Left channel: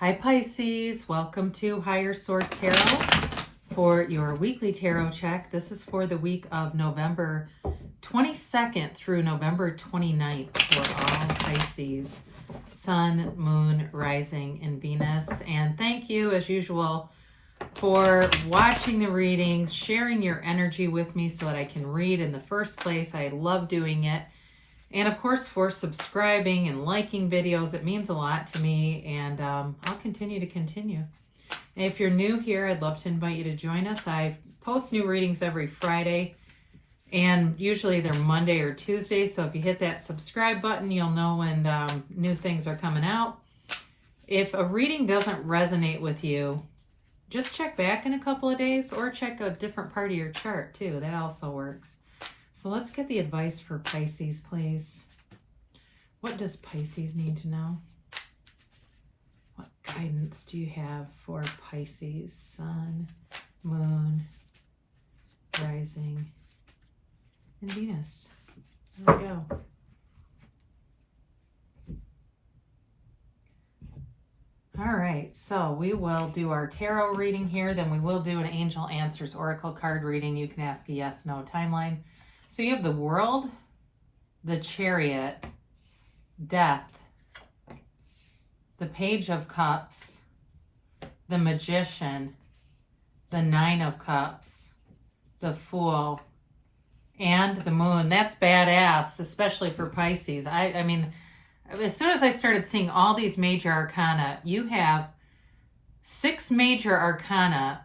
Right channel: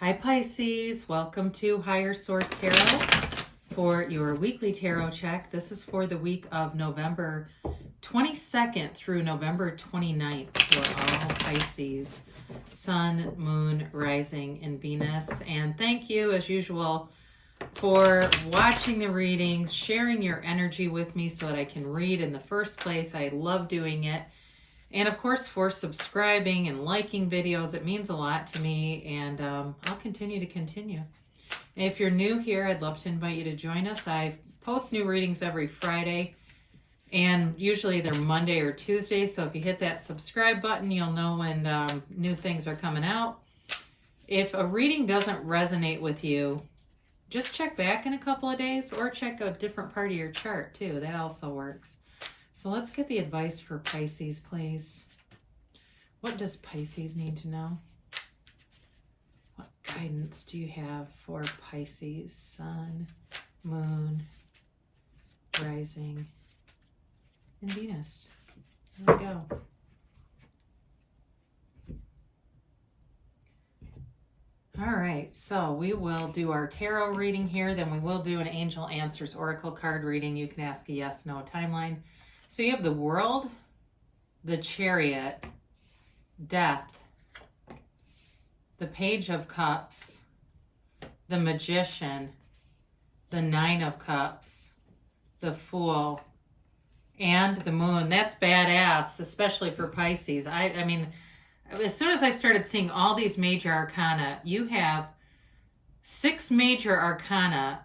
Hi Pisces, welcome to Higher Source Tarot for your weekly tarot check. This is for the week of November 22nd through November 29th for all Pisces, Sun, Moon, Rising, and Venus. And thank you, as usual, for watching the readings, sharing your energy with me so that I can read in the first place. I love doing it. And of course, for subscribing and liking videos, it means a lot to me, and I'll continue. And if you're new here, I'd love to invite you to join us. I post new readings every Friday, and usually they're Monday or Tuesday, so if you hit that subscribe button, you'll know when new things are coming out. If a reading doesn't resonate with you, just check back in a couple of days, or check a different part of your chart too. That also works. So let's get the advice for Pisces, please. What does Pisces need to know? What guidance do you have for Pisces? Sun, Moon, Rising, and Venus. Here we go. All right, so we will do our tarot reading here. Then we will do an Angel Answers Oracle card reading. You can ask a yes/no timeline. So you have the World, the Chariot, Death, the Page of Cups, the Magician, the Nine of Cups, the Fool, and the Moon. That's badass, especially for Pisces. I mean, as soon as I started seeing all these major arcana, you have 6 major arcana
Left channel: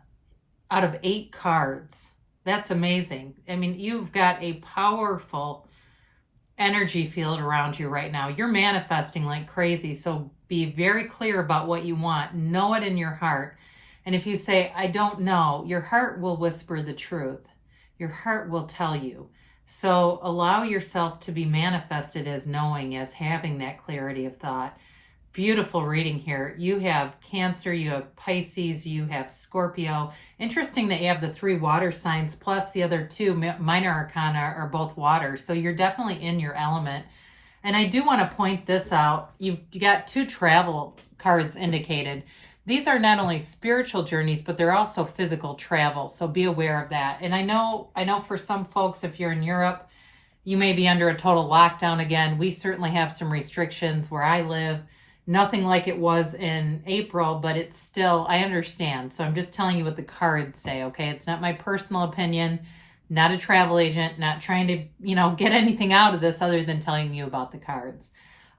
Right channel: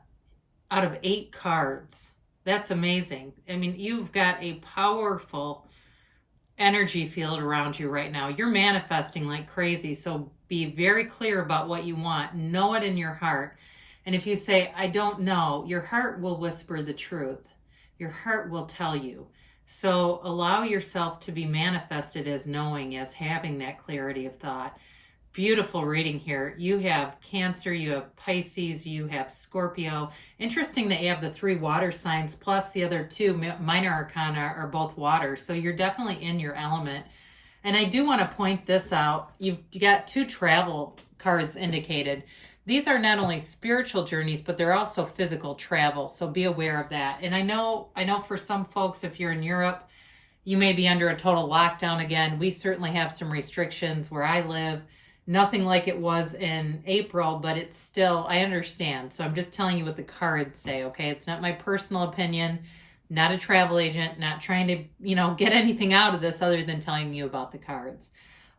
out of 8 cards. That's amazing. I mean, you've got a powerful energy field around you right now. You're manifesting like crazy. So be very clear about what you want. Know it in your heart. And if you say, I don't know, your heart will whisper the truth. Your heart will tell you. So allow yourself to be manifested as knowing, as having that clarity of thought. Beautiful reading here. You have Cancer, you have Pisces, you have Scorpio. Interesting that you have the 3 water signs, plus the other 2 minor arcana are both water. So you're definitely in your element. And I do want to point this out. You've got 2 travel cards indicated. These are not only spiritual journeys, but they're also physical travel. So be aware of that. And I know for some folks, if you're in Europe, you may be under a total lockdown again. We certainly have some restrictions where I live. Nothing like it was in April, but it's still, I understand. So I'm just telling you what the cards say, okay? It's not my personal opinion, not a travel agent, not trying to, get anything out of this other than telling you about the cards.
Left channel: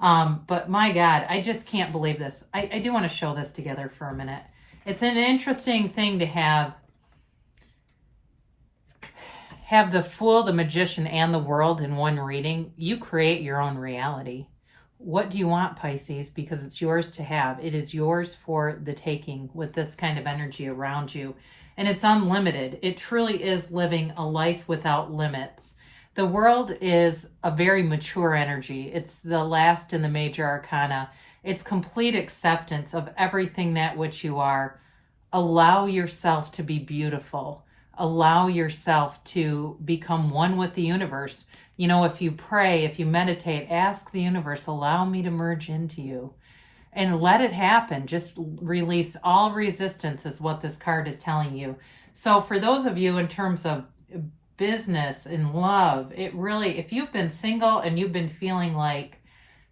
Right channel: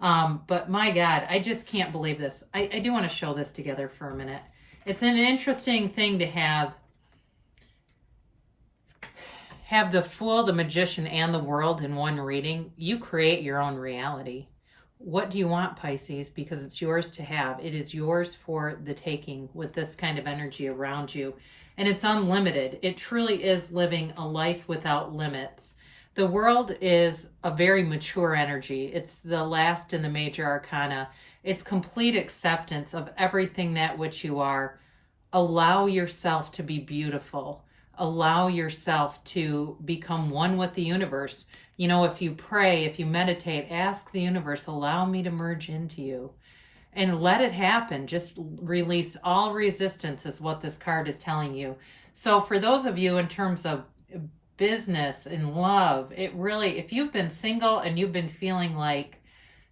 But my God, I just can't believe this. I do want to show this together for a minute. It's an interesting thing to have the Fool, the Magician, and the World in one reading. You create your own reality. What do you want, Pisces? Because it's yours to have. It is yours for the taking with this kind of energy around you. And it's unlimited. It truly is living a life without limits. The World is a very mature energy. It's the last in the major arcana. It's complete acceptance of everything that which you are. Allow yourself to be beautiful. Allow yourself to become one with the universe. If you pray, if you meditate, ask the universe, allow me to merge into you. And let it happen. Just release all resistance is what this card is telling you. So for those of you in terms of business and love, it really, if you've been single and you've been feeling like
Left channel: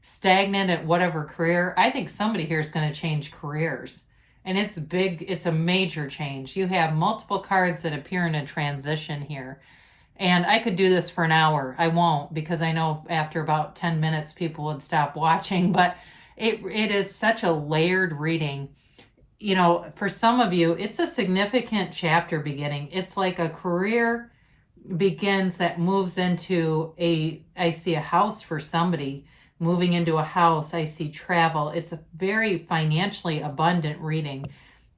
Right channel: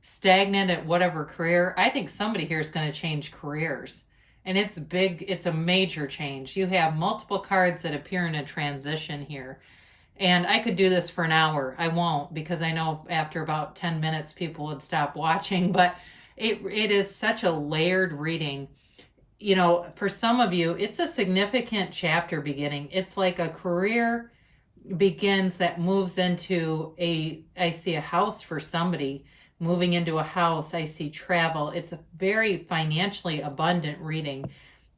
stagnant at whatever career, I think somebody here is going to change careers. And it's big, it's a major change. You have multiple cards that appear in a transition here. And I could do this for an hour. I won't, because I know after about 10 minutes people would stop watching, but it is such a layered reading. For some of you, it's a significant chapter beginning. It's like a career begins that moves into I see a house for somebody, moving into a house. I see travel. It's a very financially abundant reading.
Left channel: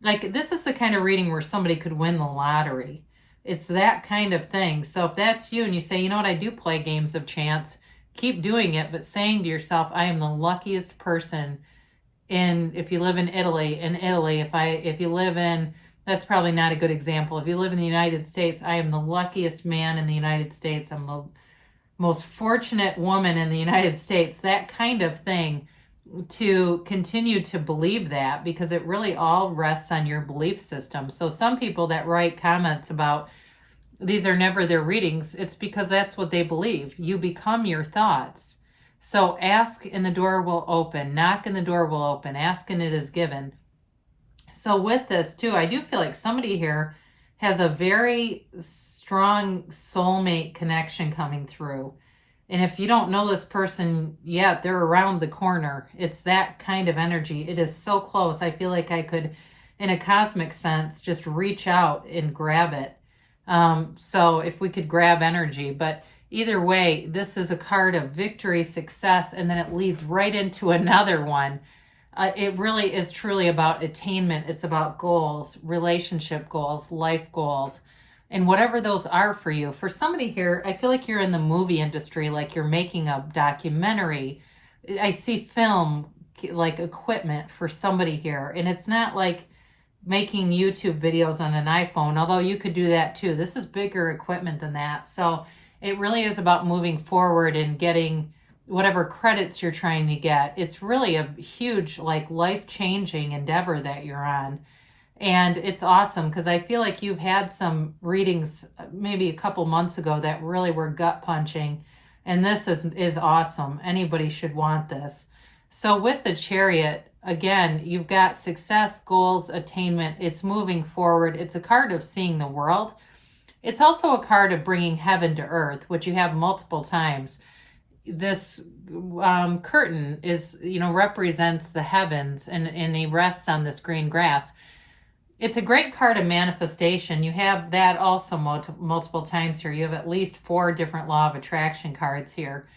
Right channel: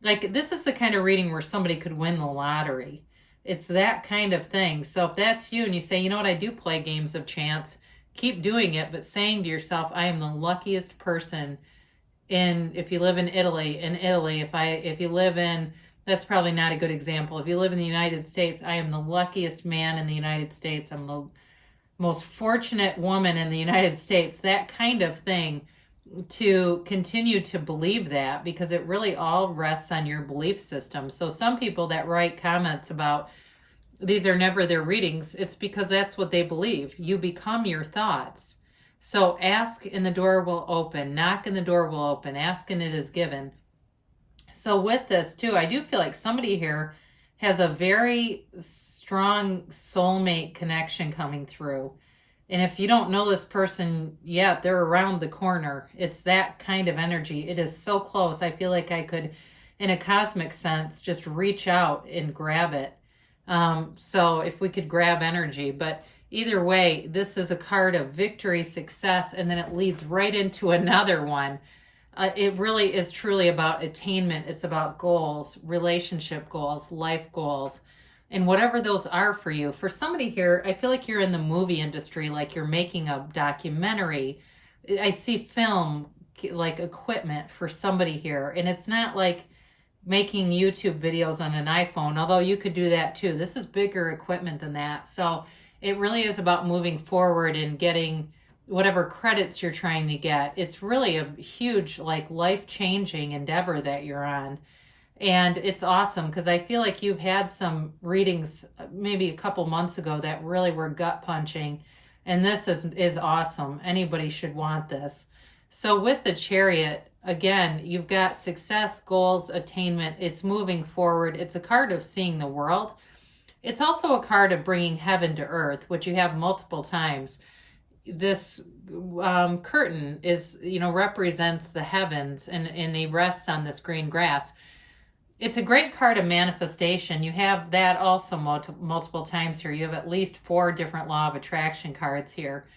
Like, this is the kind of reading where somebody could win the lottery. It's that kind of thing. So if that's you and you say, you know what, I do play games of chance, keep doing it, but saying to yourself, I am the luckiest person if you live in Italy, if you live in, that's probably not a good example. If you live in the United States, I am the luckiest man in the United States. I'm the most fortunate woman in the United States. That kind of thing to continue to believe that, because it really all rests on your belief system. So some people that write comments about these are never their readings, it's because that's what they believe. You become your thoughts. So ask and the door will open. Knock and the door will open. Ask and it is given. So with this too, I do feel like somebody here has a very strong soulmate connection coming through. And if you don't know this person yet, they're around the corner. It's that kind of energy. It is so close. I feel like I could, in a cosmic sense, just reach out and grab it. So if we could grab energy, but either way, this is a card of victory, success, and then it leads right into another one. It really is truly about attainment. It's about goals, relationship goals, life goals, and whatever those are for you. For somebody here, I feel like you're in the movie industry, like you're making a documentary. I see film, like equipment for somebody here, and it's not like making YouTube videos on an iPhone, although you could do that too. This is bigger equipment than that. So it really is about moving forward and getting whatever credits you're trying to get. It's really a huge, like, life-changing endeavor that you're on. And it's awesome because I feel like you've had some readings maybe a couple months ago that really were gut-punching. And this is awesome. Anybody should want this. So with the Chariot, again, you've got success, goals, attainment. It's moving forward. It's a card of seeing the world. It's also a card of bringing heaven to earth, which you have multiple times. This curtain is, represents the heavens, and he rests on this green grass. It's a great card of manifestation. You have that also multiple times here. You have at least 4 different law of attraction cards here.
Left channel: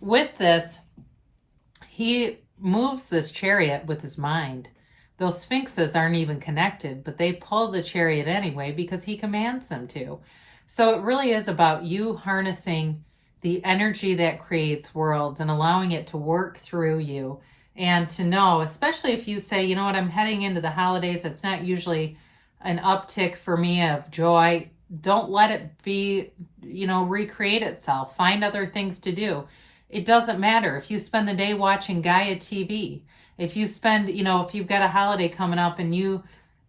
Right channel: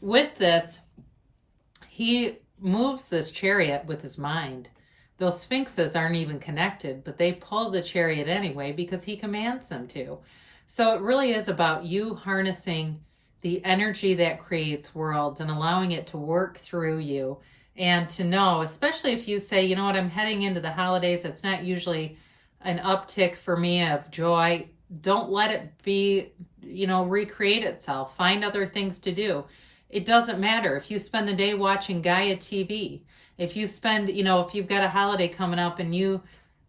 With this, he moves this chariot with his mind. Those sphinxes aren't even connected, but they pull the chariot anyway because he commands them to. So it really is about you harnessing the energy that creates worlds and allowing it to work through you. And to know, especially if you say, you know what, I'm heading into the holidays, it's not usually an uptick for me of joy. Don't let it be, recreate itself. Find other things to do. It doesn't matter if you spend the day watching Gaia TV. If you spend, if you've got a holiday coming up and you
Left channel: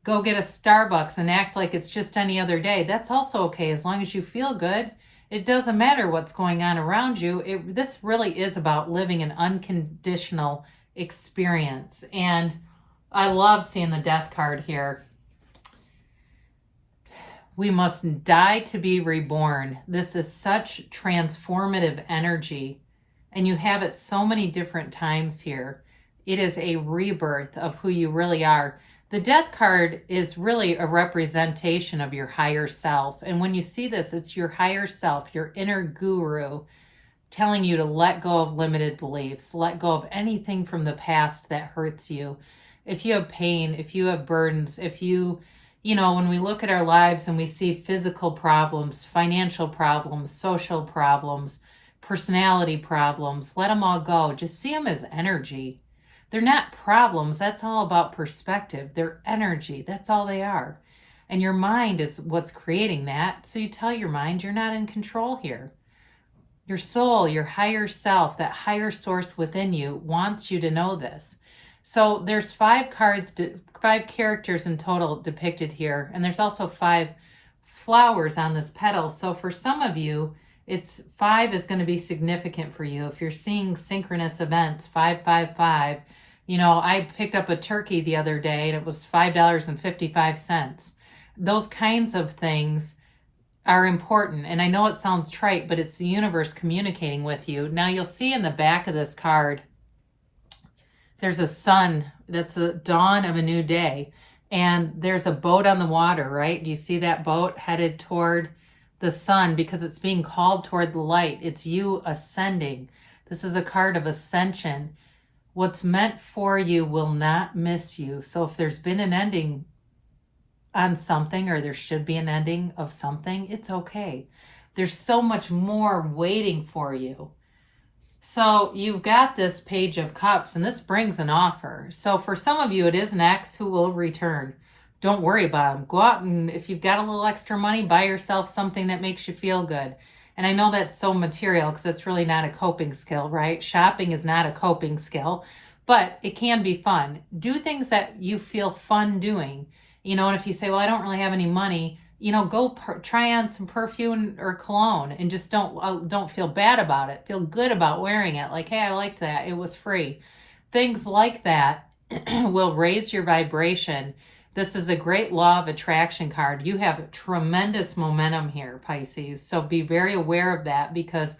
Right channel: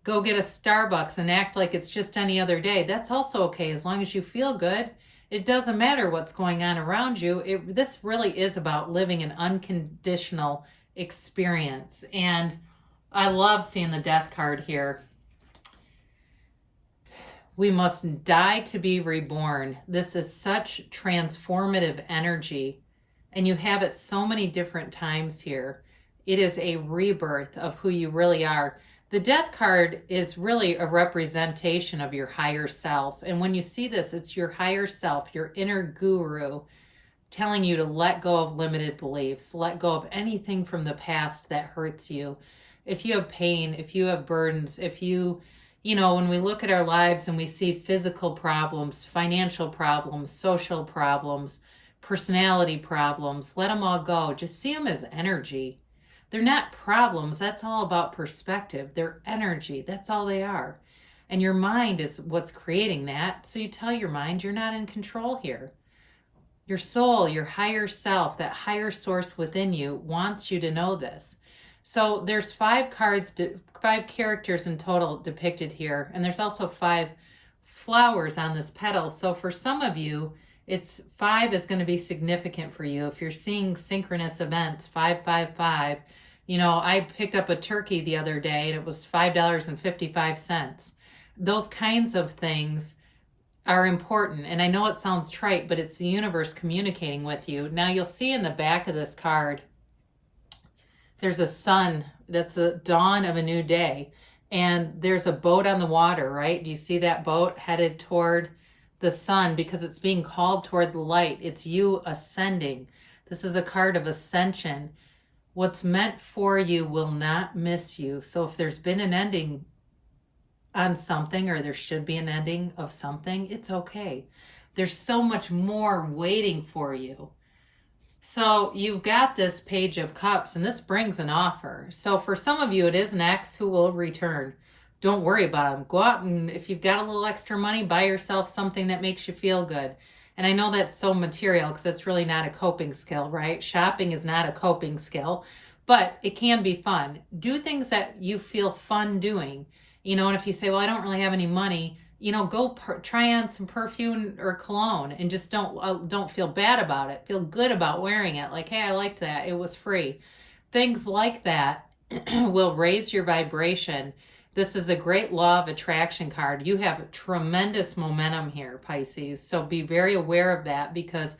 go get a Starbucks and act like it's just any other day, that's also okay as long as you feel good. It doesn't matter what's going on around you. This really is about living an unconditional experience. And I love seeing the Death card here. We must die to be reborn. This is such transformative energy. And you have it so many different times here. It is a rebirth of who you really are. The Death card is really a representation of your higher self. And when you see this, it's your higher self, your inner guru, telling you to let go of limited beliefs, let go of anything from the past that hurts you. If you have pain, if you have burdens, if you, when we look at our lives and we see physical problems, financial problems, social problems, personality problems, let them all go. Just see them as energy. They're not problems. That's all about perspective. They're energy. That's all they are. And your mind is what's creating that. So you tell your mind you're not in control here. Your soul, your higher self, that higher source within you wants you to know this. So there's 5 characters in total depicted here. And there's also 5 flowers on this petal. So for some of you, 5 is going to be significant for you. If you're seeing synchronous events, 555. I picked up a turkey the other day and it was $5.55. Those kinds of things are important. And I know it sounds trite, but it's the universe communicating with you. Now you'll see in the back of this card, there's a sun. That's the dawn of a new day. And there's a boat on the water, right? Do you see that boat headed toward the sun because it's being called toward the light? It's you ascending. This is a card of ascension. What's meant for you will not miss you. So if there's been an ending on something, or there should be an ending of something, it's okay. There's so much more waiting for you. So you've got this Page of Cups, and this brings an offer. So for some of you, it is an ex who will return. Don't worry about them. Go out and if you've got a little extra money, buy yourself something that makes you feel good. And I know that's so material because that's really not a coping skill, right? Shopping is not a coping skill. but it can be fun. Do things that you feel fun doing. And if you say, well, I don't really have any money, go try on some perfume or cologne and just don't feel bad about it. Feel good about wearing it. Like, hey, I liked that. It was free. Things like that will raise your vibration. This is a great law of attraction card. You have tremendous momentum here, Pisces. So be very aware of that, because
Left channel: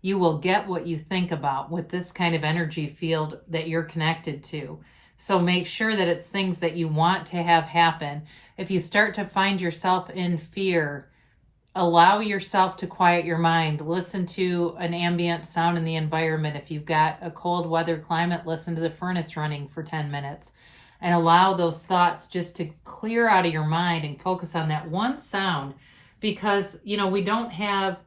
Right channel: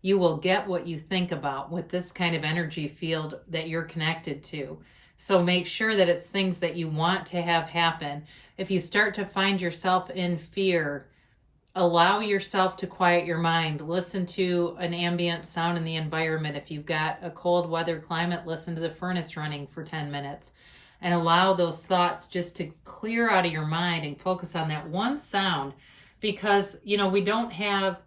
you will get what you think about with this kind of energy field that you're connected to. So make sure that it's things that you want to have happen. If you start to find yourself in fear, allow yourself to quiet your mind. Listen to an ambient sound in the environment. If you've got a cold weather climate, listen to the furnace running for 10 minutes. And allow those thoughts just to clear out of your mind and focus on that one sound. Because, we don't have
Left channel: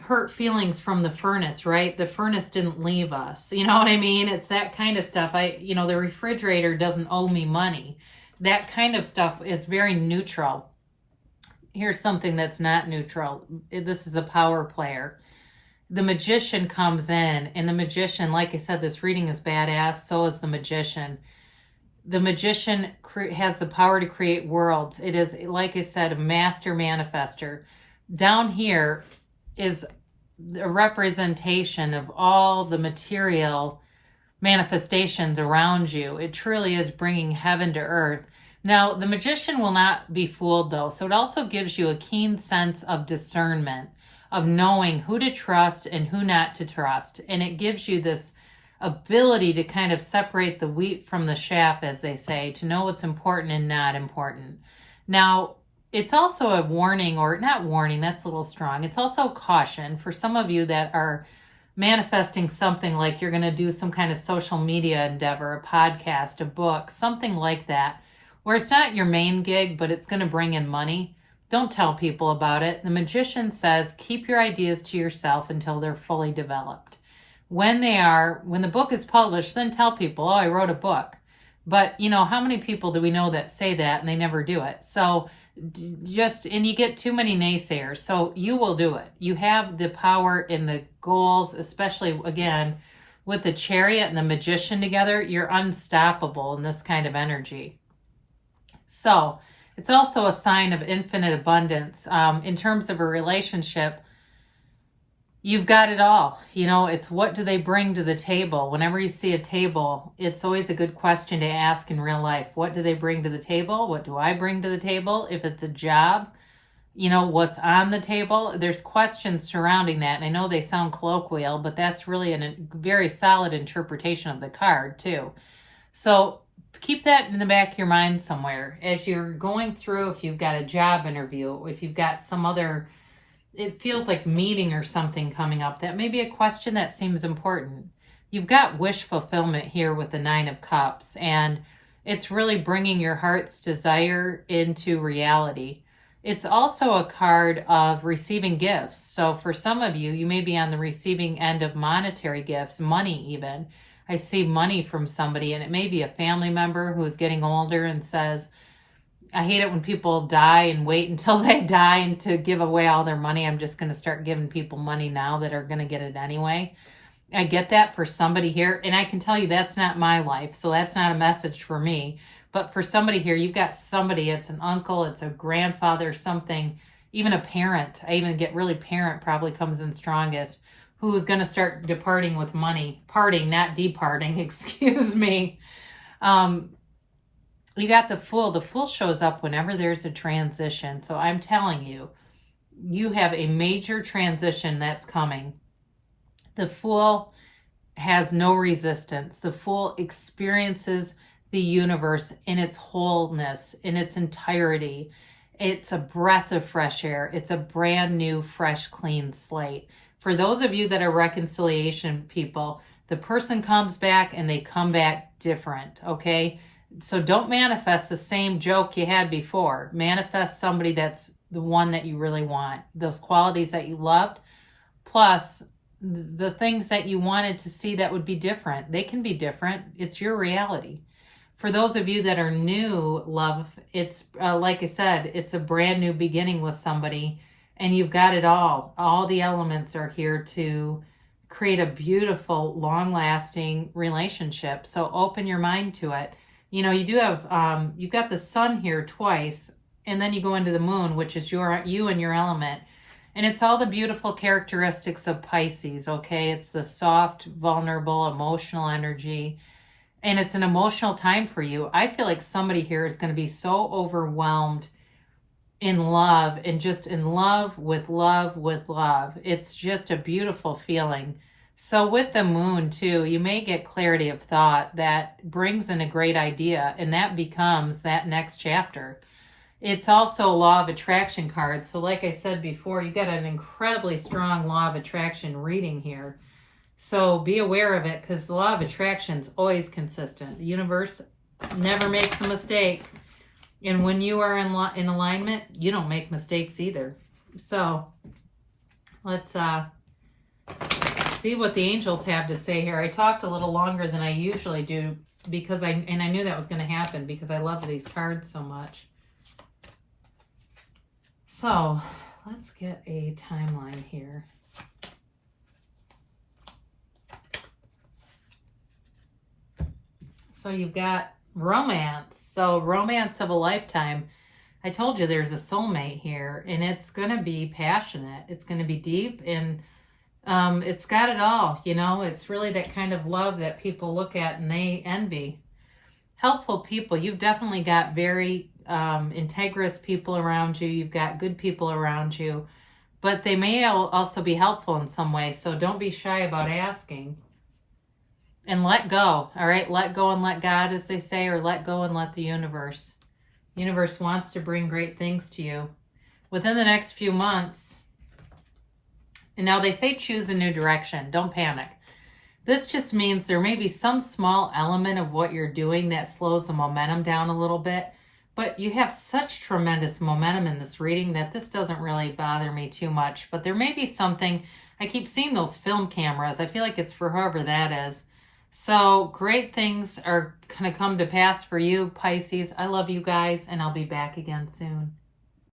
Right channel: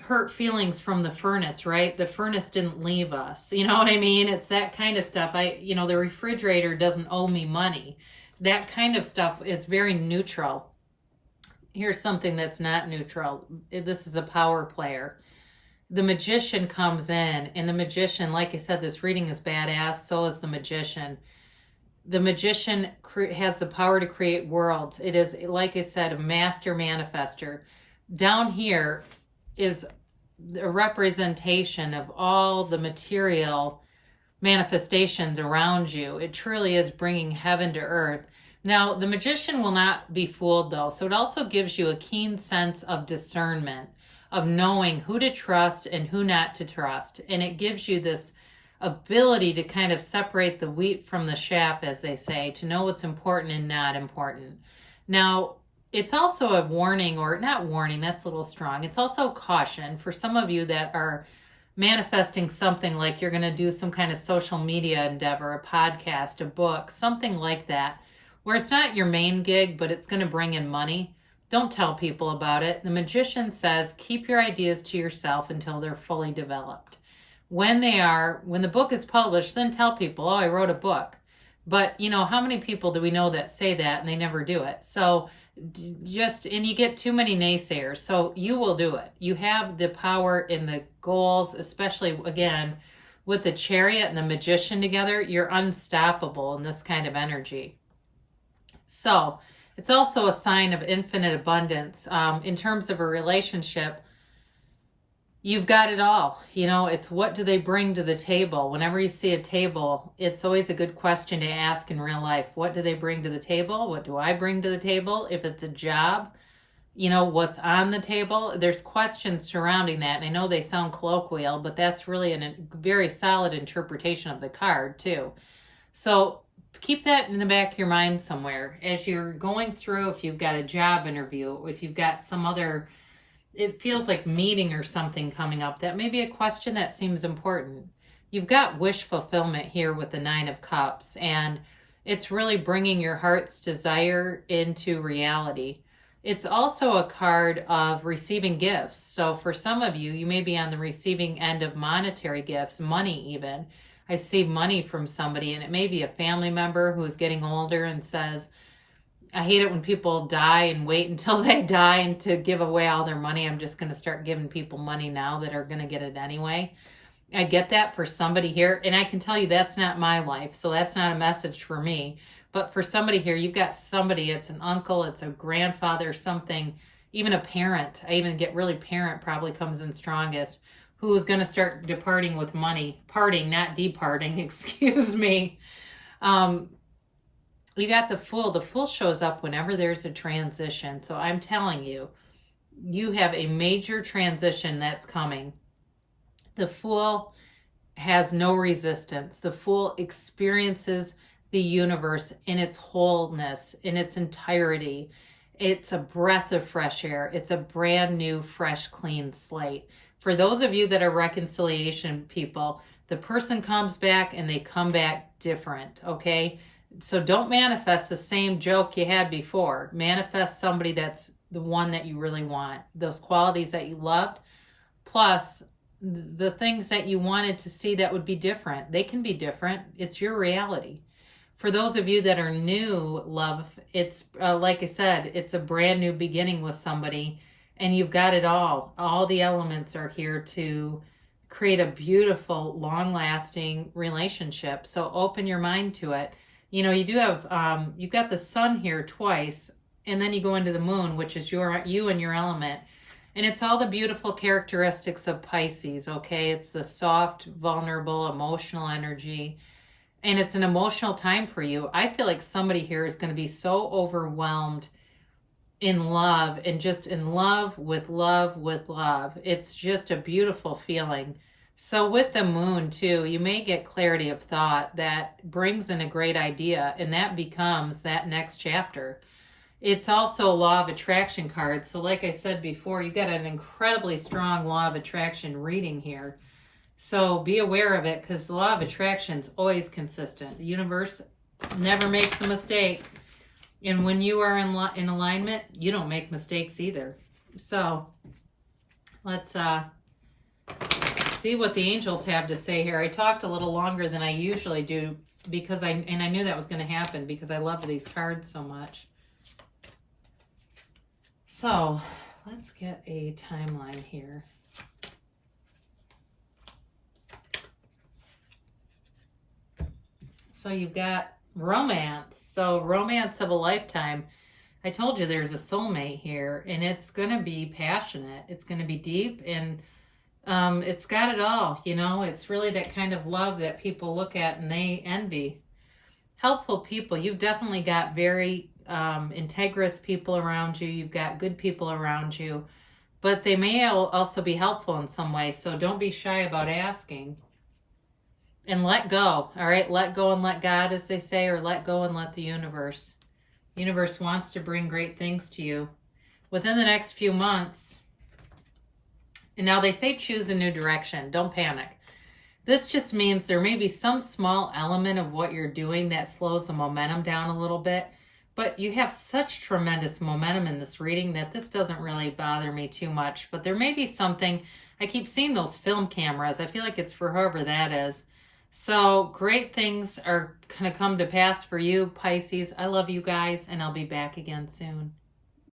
hurt feelings from the furnace, right? The furnace didn't leave us. You know what I mean? It's that kind of stuff. The refrigerator doesn't owe me money. That kind of stuff is very neutral. Here's something that's not neutral. This is a power player. The magician comes in, and the magician, like I said, this reading is badass. So is the magician. The magician has the power to create worlds. It is, like I said, a master manifester. Down here is a representation of all the material manifestations around you. It truly is bringing heaven to earth. Now, the magician will not be fooled, though. So it also gives you a keen sense of discernment, of knowing who to trust and who not to trust. And it gives you this ability to kind of separate the wheat from the chaff, as they say, to know what's important and not important. Now, it's also a warning, or not warning, that's a little strong. It's also caution for some of you that are manifesting something like you're going to do some kind of social media endeavor, a podcast, a book, something like that, where it's not your main gig, but it's going to bring in money. Don't tell people about it. The magician says, keep your ideas to yourself until they're fully developed. When the book is published, then tell people, oh, I wrote a book. But, how many people do we know that say that and they never do it? So and you get too many naysayers. So you will do it. You have the power in the goals, especially, again, with the Chariot and the Magician together. You're unstoppable in this kind of energy. So it's also a sign of infinite abundance. In terms of a relationship, you've got it all. It's what do they bring to the table? Whenever you see a table, it's always a good question to ask in real life. What do they bring to the table? What do I bring to the table? If it's a job, what's on the table? There's questions surrounding that. And I know they sound colloquial, but that's really a very solid interpretation of the card too. So keep that in the back of your mind somewhere. As you're going through, if you've got a job interview, if you've got some other, it feels like meeting or something coming up, that may be a question that seems important. You've got wish fulfillment here with the Nine of Cups, and it's really bringing your heart's desire into reality. It's also a card of receiving gifts. So for some of you, you may be on the receiving end of monetary gifts, money even. I see money from somebody, and it may be a family member who's getting older and says, I hate it when people die and wait until they die and to give away all their money. I'm just going to start giving people money now that are going to get it anyway. I get that for somebody here, and I can tell you that's not my life, so that's not a message for me. But for somebody here, you've got somebody, it's an uncle, it's a grandfather, something, even a parent. I even get really parent probably comes in strongest, who is going to start departing with money. Parting, not departing, excuse me. You got the Fool. The Fool shows up whenever there's a transition. So I'm telling you, you have a major transition that's coming. The Fool has no resistance. The Fool experiences the universe in its wholeness, in its entirety. It's a breath of fresh air. It's a brand new, fresh, clean slate. For those of you that are reconciliation people, the person comes back and they come back different, okay? So don't manifest the same joke you had before. Manifest somebody that's the one that you really want. Those qualities that you loved, plus the things that you wanted to see that would be different. They can be different. It's your reality. For those of you that are new, love, it's like I said, it's a brand new beginning with somebody, and you've got it all. All the elements are here to create a beautiful, long-lasting relationship. So open your mind to it. You know, you do have, you've got the sun here twice, and then you go into the moon, which is you and your element. And it's all the beautiful characteristics of Pisces, okay? It's the soft, vulnerable, emotional energy. And it's an emotional time for you. I feel like somebody here is going to be so overwhelmed in love and just in love with love with love. It's just a beautiful feeling. So with the moon too, you may get clarity of thought that brings in a great idea, and that becomes that next chapter. It's also a law of attraction card. So like I said before, you got an incredibly strong law of attraction reading here. So be aware of it, because the law of attraction is always consistent. The universe never makes a mistake. And when you are in alignment, you don't make mistakes either. So let's see what the angels have to say here. I talked a little longer than I usually do because I knew that was going to happen because I love these cards so much. So let's get a timeline here. So you've got romance. So romance of a lifetime. I told you there's a soulmate here, and it's going to be passionate. It's going to be deep, and it's got it all. You know, it's really that kind of love that people look at and they envy. Helpful people. You've definitely got very integrous people around you. You've got good people around you, but they may also be helpful in some way. So don't be shy about asking. And let go, all right? Let go and let God, as they say, or let go and let the universe. The universe wants to bring great things to you within the next few months. And now they say choose a new direction. Don't panic. This just means there may be some small element of what you're doing that slows the momentum down a little bit. But you have such tremendous momentum in this reading that this doesn't really bother me too much. But there may be something. I keep seeing those film cameras. I feel like it's for whoever that is. So great things are going to come to pass for you, Pisces. I love you guys, and I'll be back again soon.